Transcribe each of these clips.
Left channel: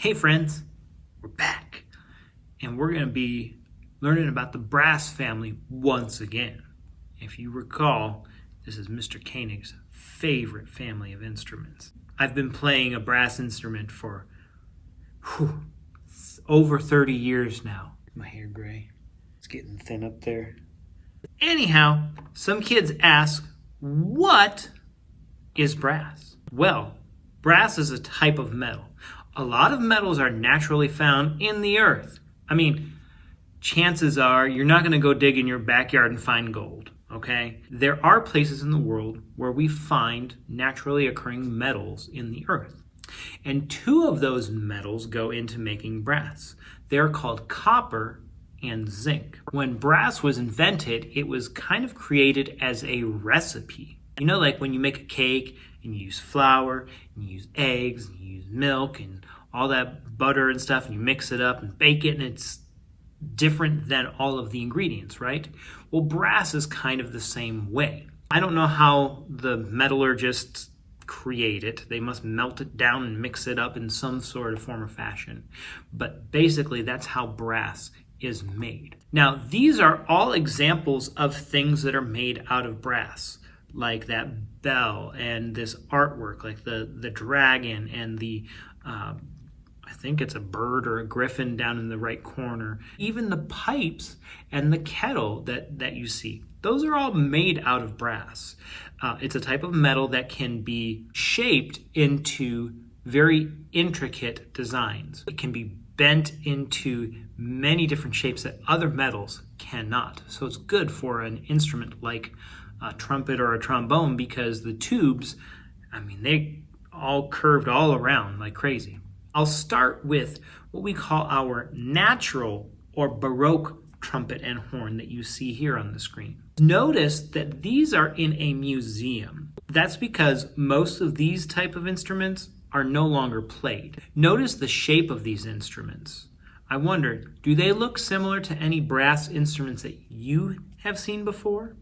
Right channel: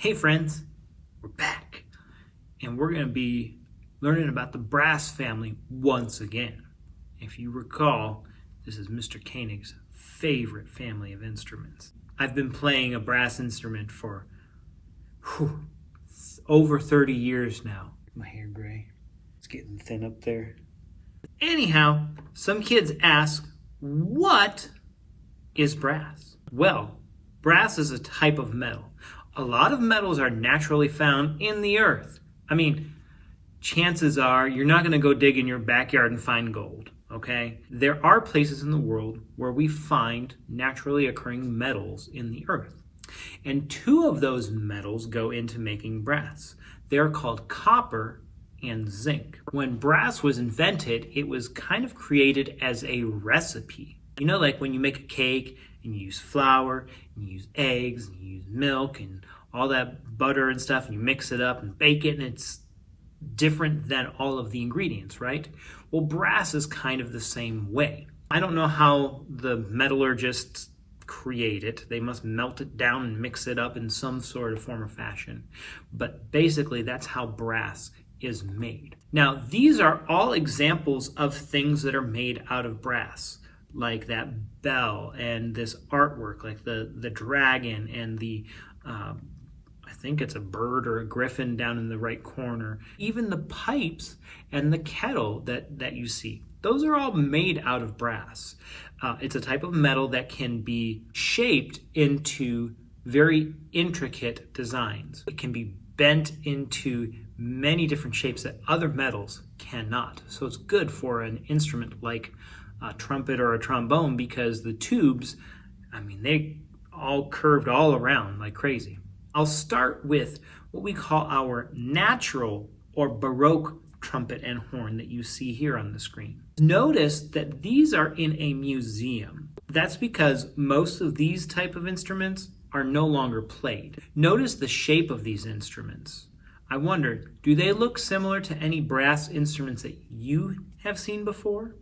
Hey friends, we're back, and we're going to be learning about the brass family once again. If you recall, this is Mr. Koenig's favorite family of instruments. I've been playing a brass instrument for over 30 years now. My hair gray. It's getting thin up there. Anyhow, some kids ask, what is brass? Well, brass is a type of metal. A lot of metals are naturally found in the earth. I mean, chances are you're not going to go dig in your backyard and find gold, okay? There are places in the world where we find naturally occurring metals in the earth. And two of those metals go into making brass. They're called copper and zinc. When brass was invented, it was kind of created as a recipe. You know, like when you make a cake and you use flour, and you use eggs, and you use milk, and all that butter and stuff, and you mix it up and bake it, and it's different than all of the ingredients, right? Well, brass is kind of the same way. I don't know how the metallurgists create it. They must melt it down and mix it up in some sort of form or fashion. But basically, that's how brass is made. Now, these are all examples of things that are made out of brass, like that bell and this artwork, like the dragon and the, I think it's a bird or a griffin down in the right corner. Even the pipes and the kettle that you see, those are all made out of brass. It's a type of metal that can be shaped into very intricate designs. It can be bent into many different shapes that other metals cannot. So it's good for an instrument like a trumpet or a trombone, because the tubes, I mean, they all curved all around like crazy. I'll start with what we call our natural or Baroque trumpet and horn that you see here on the screen. Notice that these are in a museum. That's because most of these type of instruments are no longer played. Notice the shape of these instruments. I wonder, do they look similar to any brass instruments that you have seen before?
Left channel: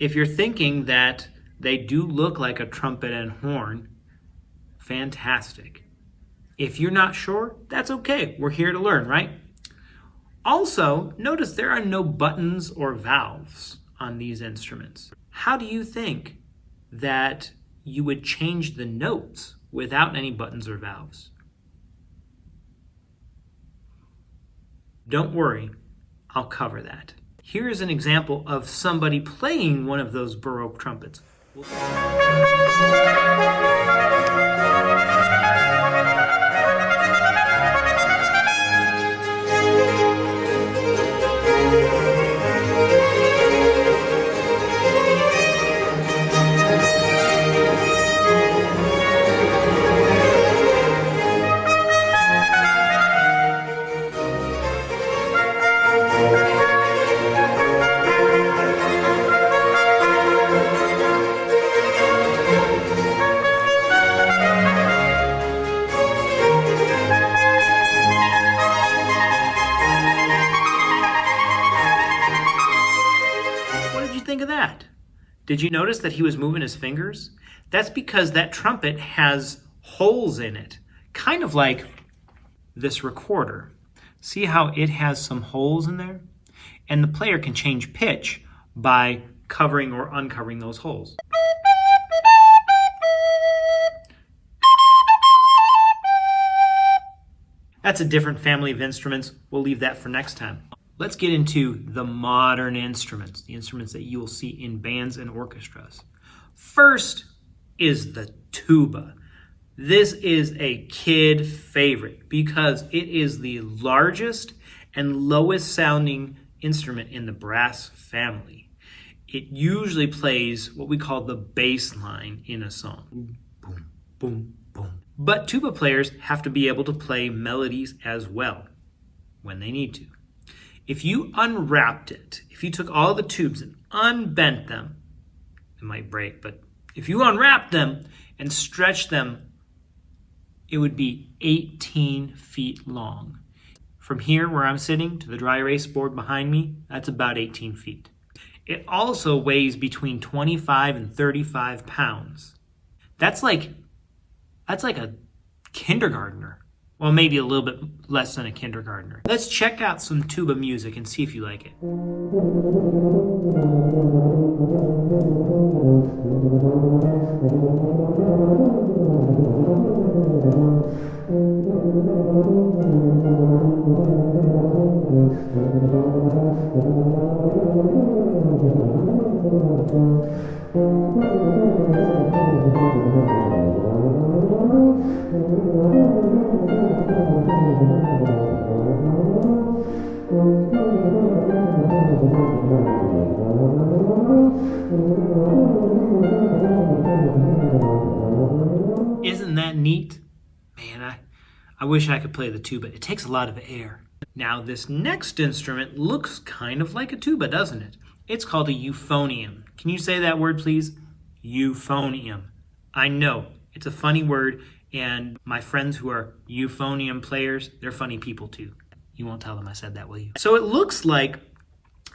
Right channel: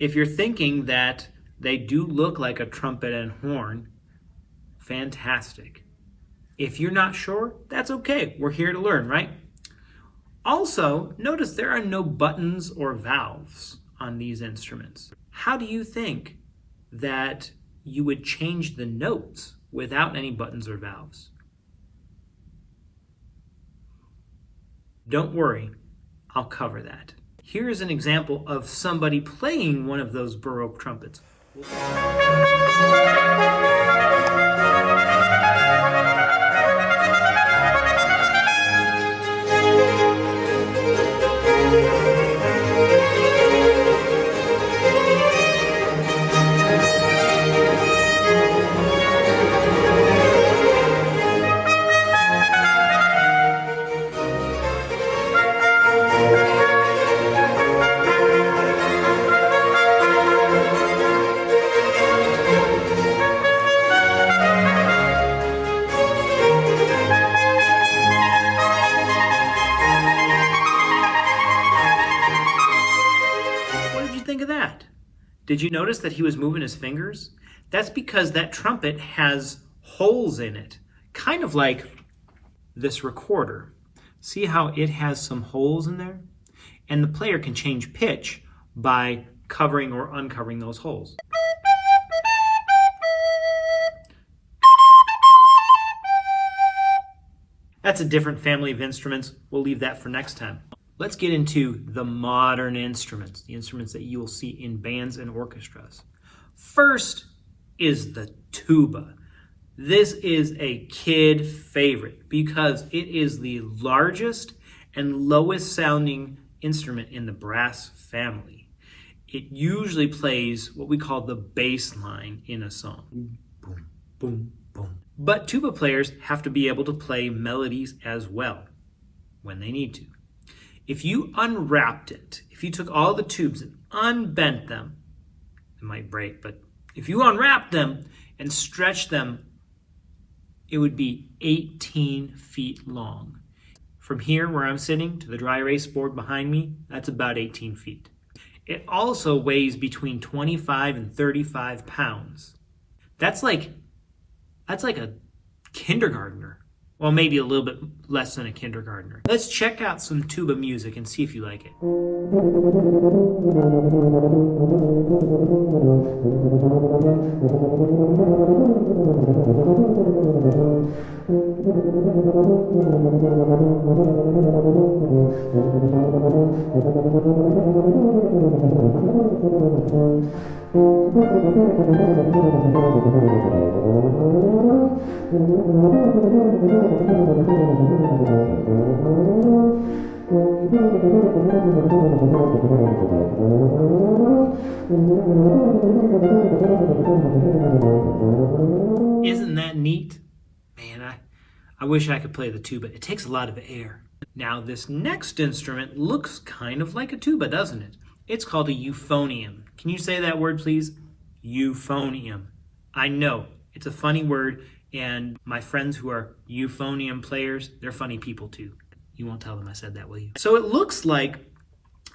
If you're thinking that they do look like a trumpet and horn, fantastic. If you're not sure, that's okay. We're here to learn, right? Also, notice there are no buttons or valves on these instruments. How do you think that you would change the notes without any buttons or valves? Don't worry, I'll cover that. Here's an example of somebody playing one of those Baroque trumpets. Think of that. Did you notice that he was moving his fingers? That's because that trumpet has holes in it, kind of like this recorder. See how it has some holes in there? And the player can change pitch by covering or uncovering those holes. That's a different family of instruments. We'll leave that for next time. Let's get into the modern instruments, the instruments that you will see in bands and orchestras. First is the tuba. This is a kid favorite because it is the largest and lowest sounding instrument in the brass family. It usually plays what we call the bass line in a song. Boom, boom, boom. But tuba players have to be able to play melodies as well when they need to. If you unwrapped it, if you took all the tubes and unbent them, it might break, but if you unwrapped them and stretched them, it would be 18 feet long. From here where I'm sitting to the dry erase board behind me, that's about 18 feet. It also weighs between 25 and 35 pounds. That's like a kindergartner. Well, maybe a little bit less than a kindergartner. Let's check out some tuba music and see if you like it. Isn't that neat? Man, I wish I could play the tuba. It takes a lot of air. Now, this next instrument looks kind of like a tuba, doesn't it? It's called a euphonium. Can you say that word, please? Euphonium. I know, it's a funny word, and my friends who are euphonium players, they're funny people too. You won't tell them I said that, will you? So it looks like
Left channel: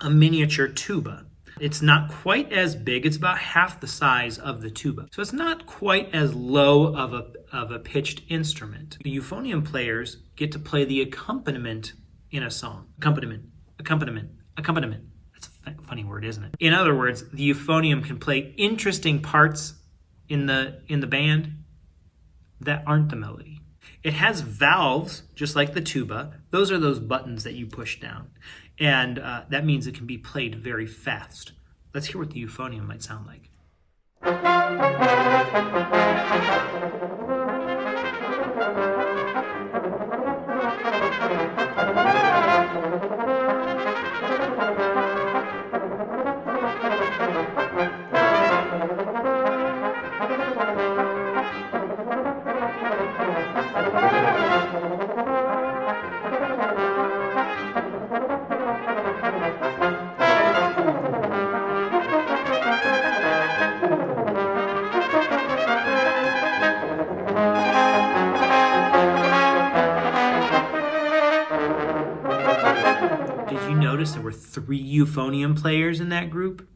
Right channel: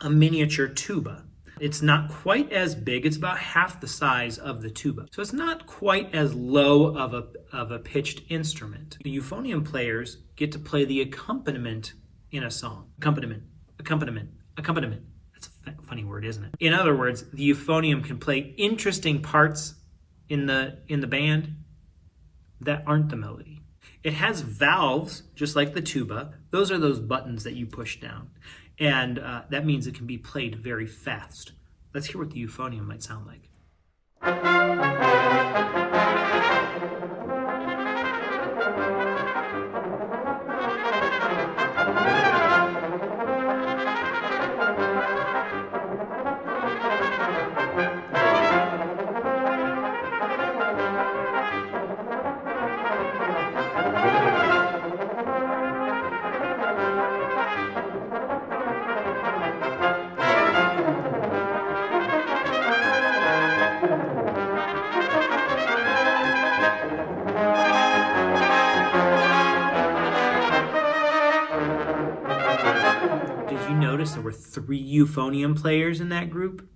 a miniature tuba. It's not quite as big. It's about half the size of the tuba. So it's not quite as low of a pitched instrument. The euphonium players get to play the accompaniment in a song. Accompaniment. That's a funny word, isn't it? In other words, the euphonium can play interesting parts in the band that aren't the melody. It has valves, just like the tuba. Those are those buttons that you push down. And that means it can be played very fast. Let's hear what the euphonium might sound like. Did you notice there were 3 euphonium players in that group?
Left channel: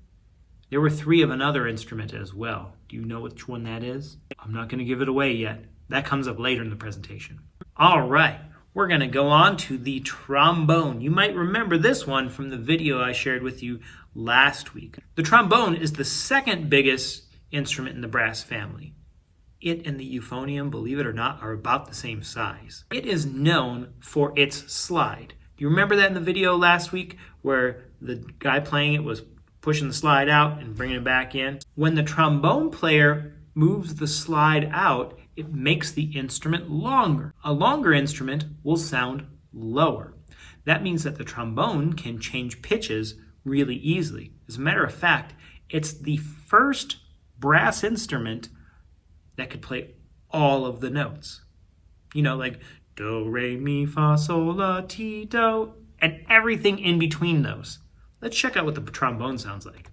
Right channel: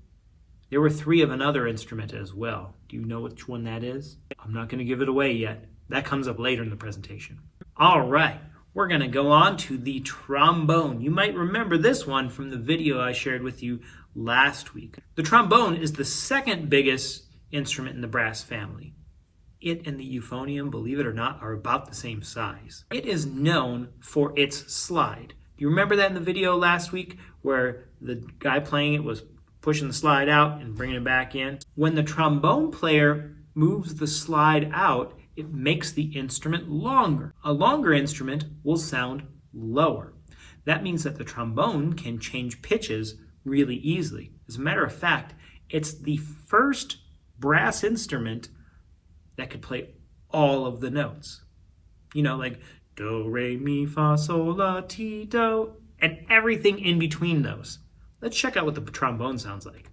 There were 3 of another instrument as well. Do you know which one that is? I'm not going to give it away yet. That comes up later in the presentation. All right, we're going to go on to the trombone. You might remember this one from the video I shared with you last week. The trombone is the second biggest instrument in the brass family. It and the euphonium, believe it or not, are about the same size. It is known for its slide. Do you remember that in the video last week where the guy playing it was pushing the slide out and bringing it back in? When the trombone player moves the slide out, it makes the instrument longer. A longer instrument will sound lower. That means that the trombone can change pitches really easily. As a matter of fact, it's the first brass instrument that could play all of the notes. You know, like do, re, mi, fa, sol, la, ti, do, and everything in between those. Let's check out what the trombone sounds like.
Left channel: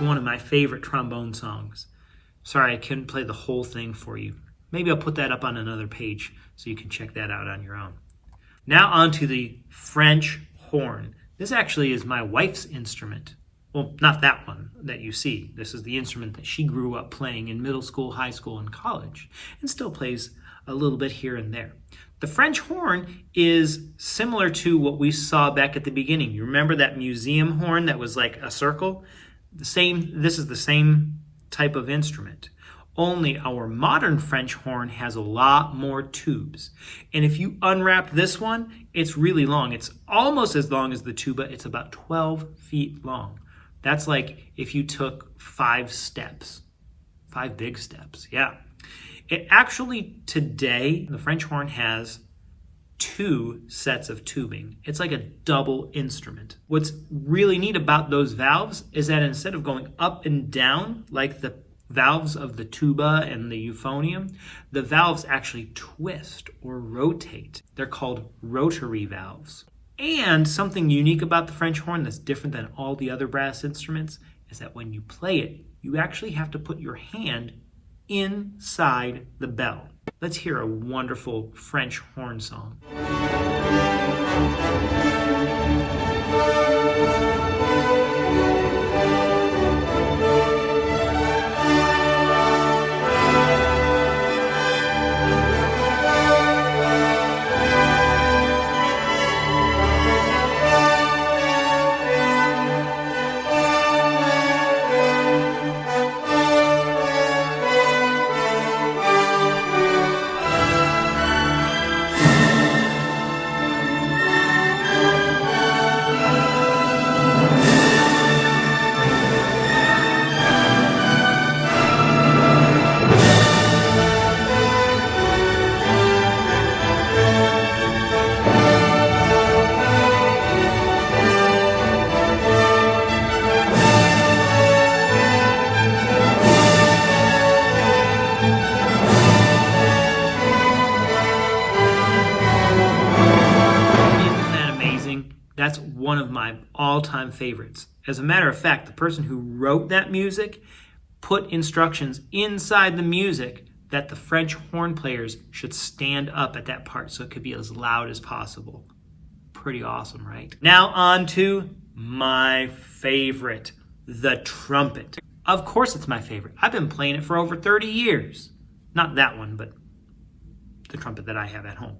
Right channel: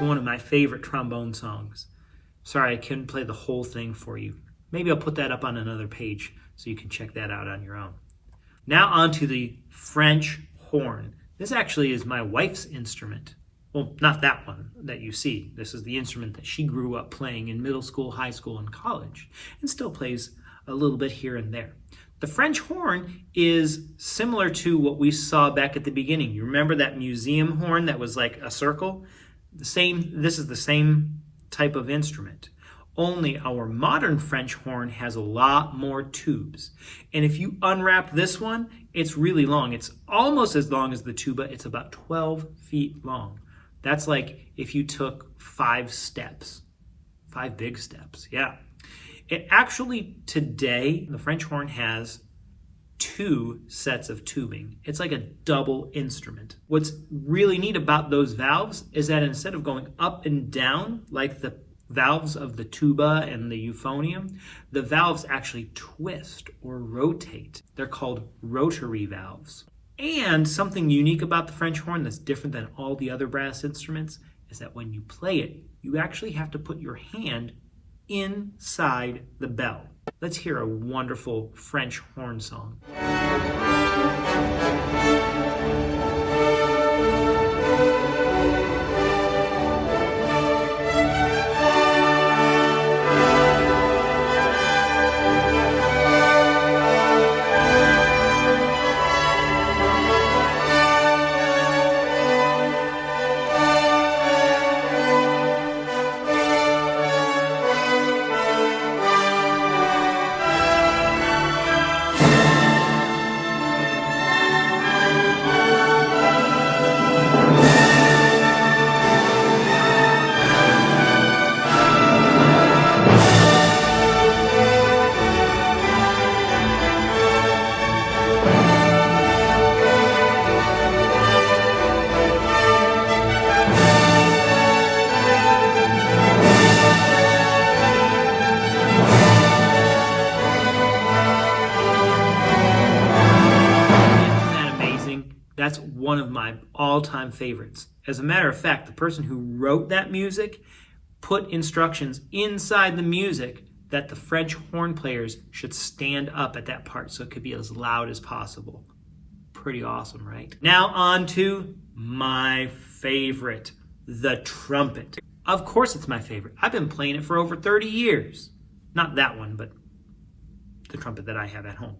One of my favorite trombone songs. Sorry, I couldn't play the whole thing for you. Maybe I'll put that up on another page so you can check that out on your own. Now on to the French horn. This actually is my wife's instrument. Well, not that one that you see. This is the instrument that she grew up playing in middle school, high school, and college, and still plays a little bit here and there. The French horn is similar to what we saw back at the beginning. You remember that museum horn that was like a circle? This is the same type of instrument. Only our modern French horn has a lot more tubes. And if you unwrap this one, it's really long. It's almost as long as the tuba. It's about 12 feet long. That's like if you took 5 steps, 5 big steps, yeah. It actually, today, the French horn has 2 sets of tubing. It's like a double instrument. What's really neat about those valves is that instead of going up and down like the valves of the tuba and the euphonium, the valves actually twist or rotate. They're called rotary valves. And something unique about the French horn that's different than all the other brass instruments is that when you play it, you actually have to put your hand inside the bell. Let's hear a wonderful French horn song. That's one of my all-time favorites. As a matter of fact, the person who wrote that music put instructions inside the music that the French horn players should stand up at that part so it could be as loud as possible. Pretty awesome, right? Now on to my favorite, the trumpet. Of course it's my favorite. I've been playing it for over 30 years. Not that one, but the trumpet that I have at home.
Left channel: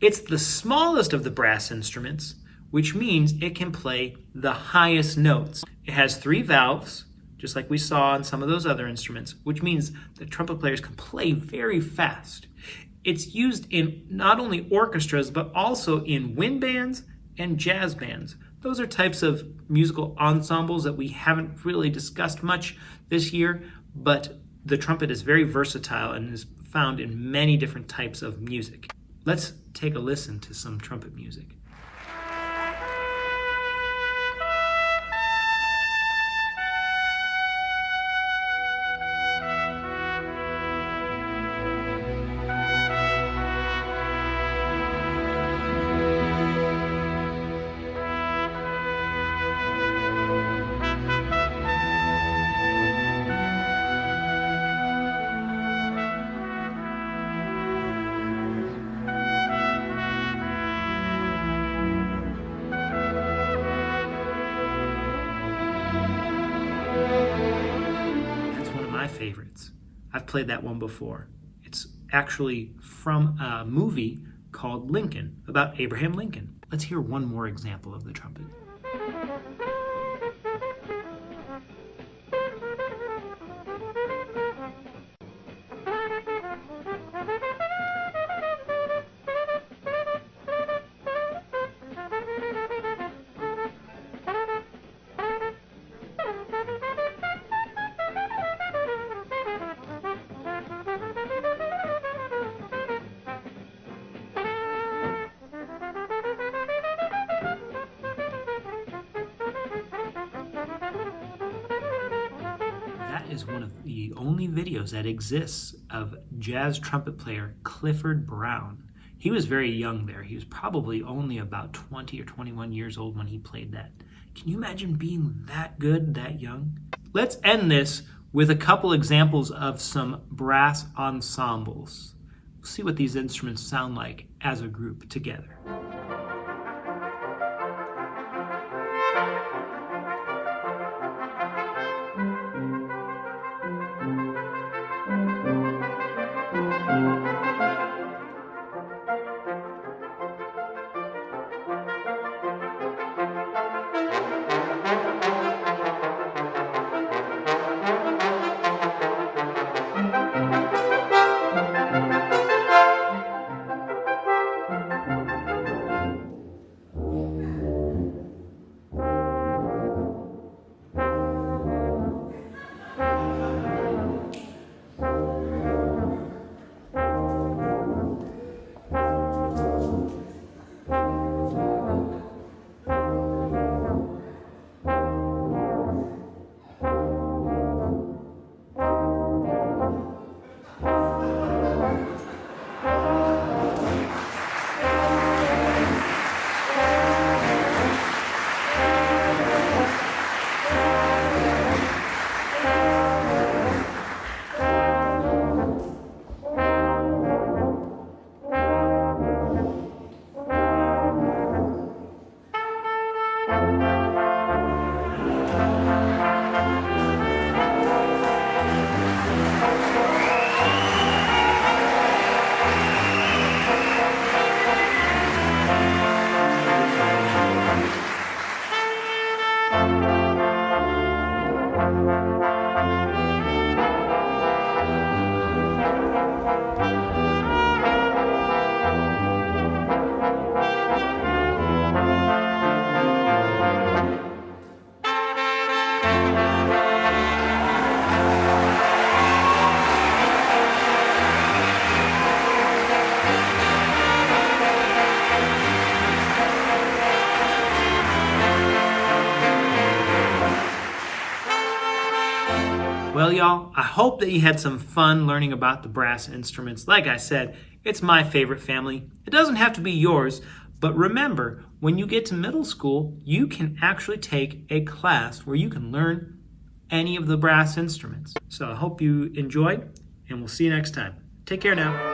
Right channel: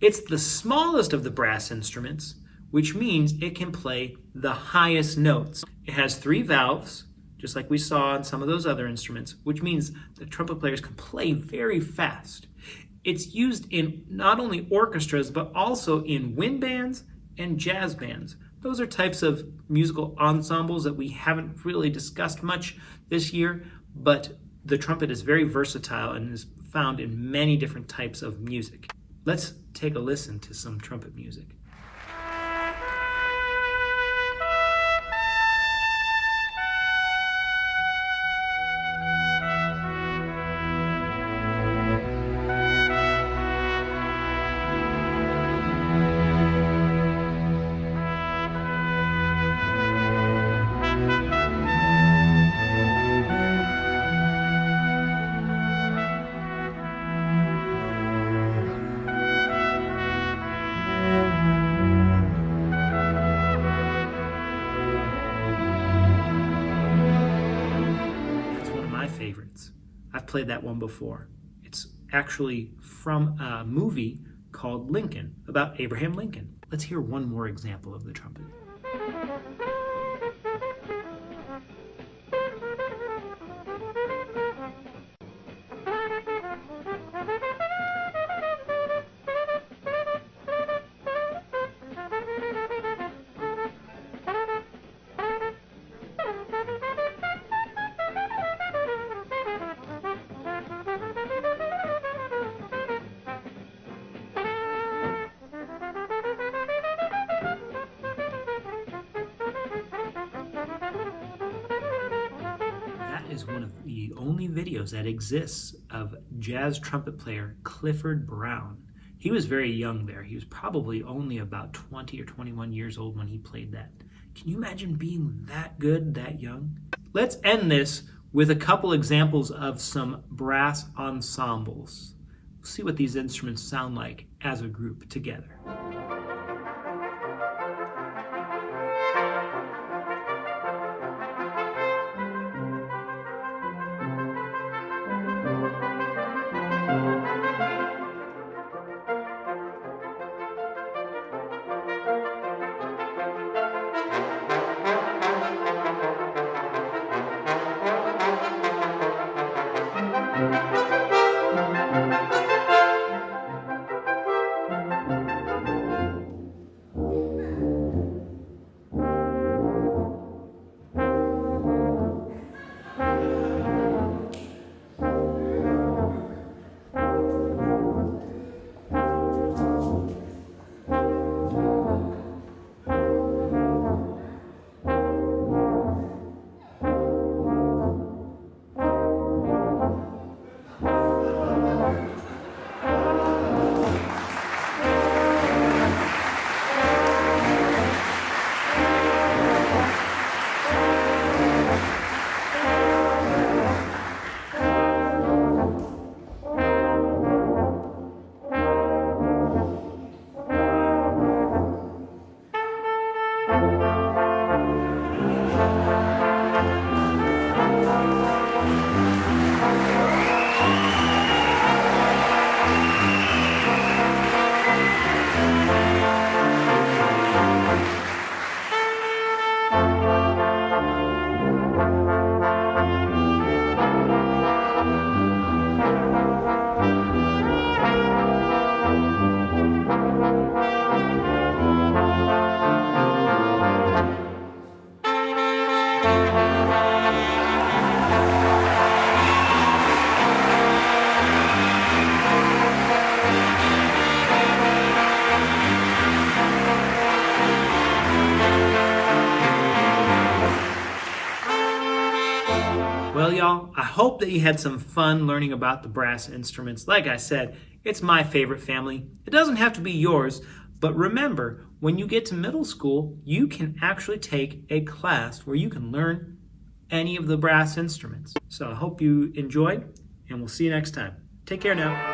It's the smallest of the brass instruments, which means it can play the highest notes. It has 3 valves, just like we saw on some of those other instruments, which means the trumpet players can play very fast. It's used in not only orchestras, but also in wind bands and jazz bands. Those are types of musical ensembles that we haven't really discussed much this year, but the trumpet is very versatile and is found in many different types of music. Let's take a listen to some trumpet music. Favorites. I've played that one before. It's actually from a movie called Lincoln, about Abraham Lincoln. Let's hear one more example of the trumpet. Is one of the only videos that exists of jazz trumpet player Clifford Brown. He was very young there. He was probably only about 20 or 21 years old when he played that. Can you imagine being that good, that young? Let's end this with a couple examples of some brass ensembles. We'll see what these instruments sound like as a group together. Well, I hope that you had some fun learning about the brass instruments. Like I said, it's my favorite family. It doesn't have to be yours, but remember, when you get to middle school, you can actually take a class where you can learn any of the brass instruments. So I hope you enjoyed, and we'll see you next time. Take care now.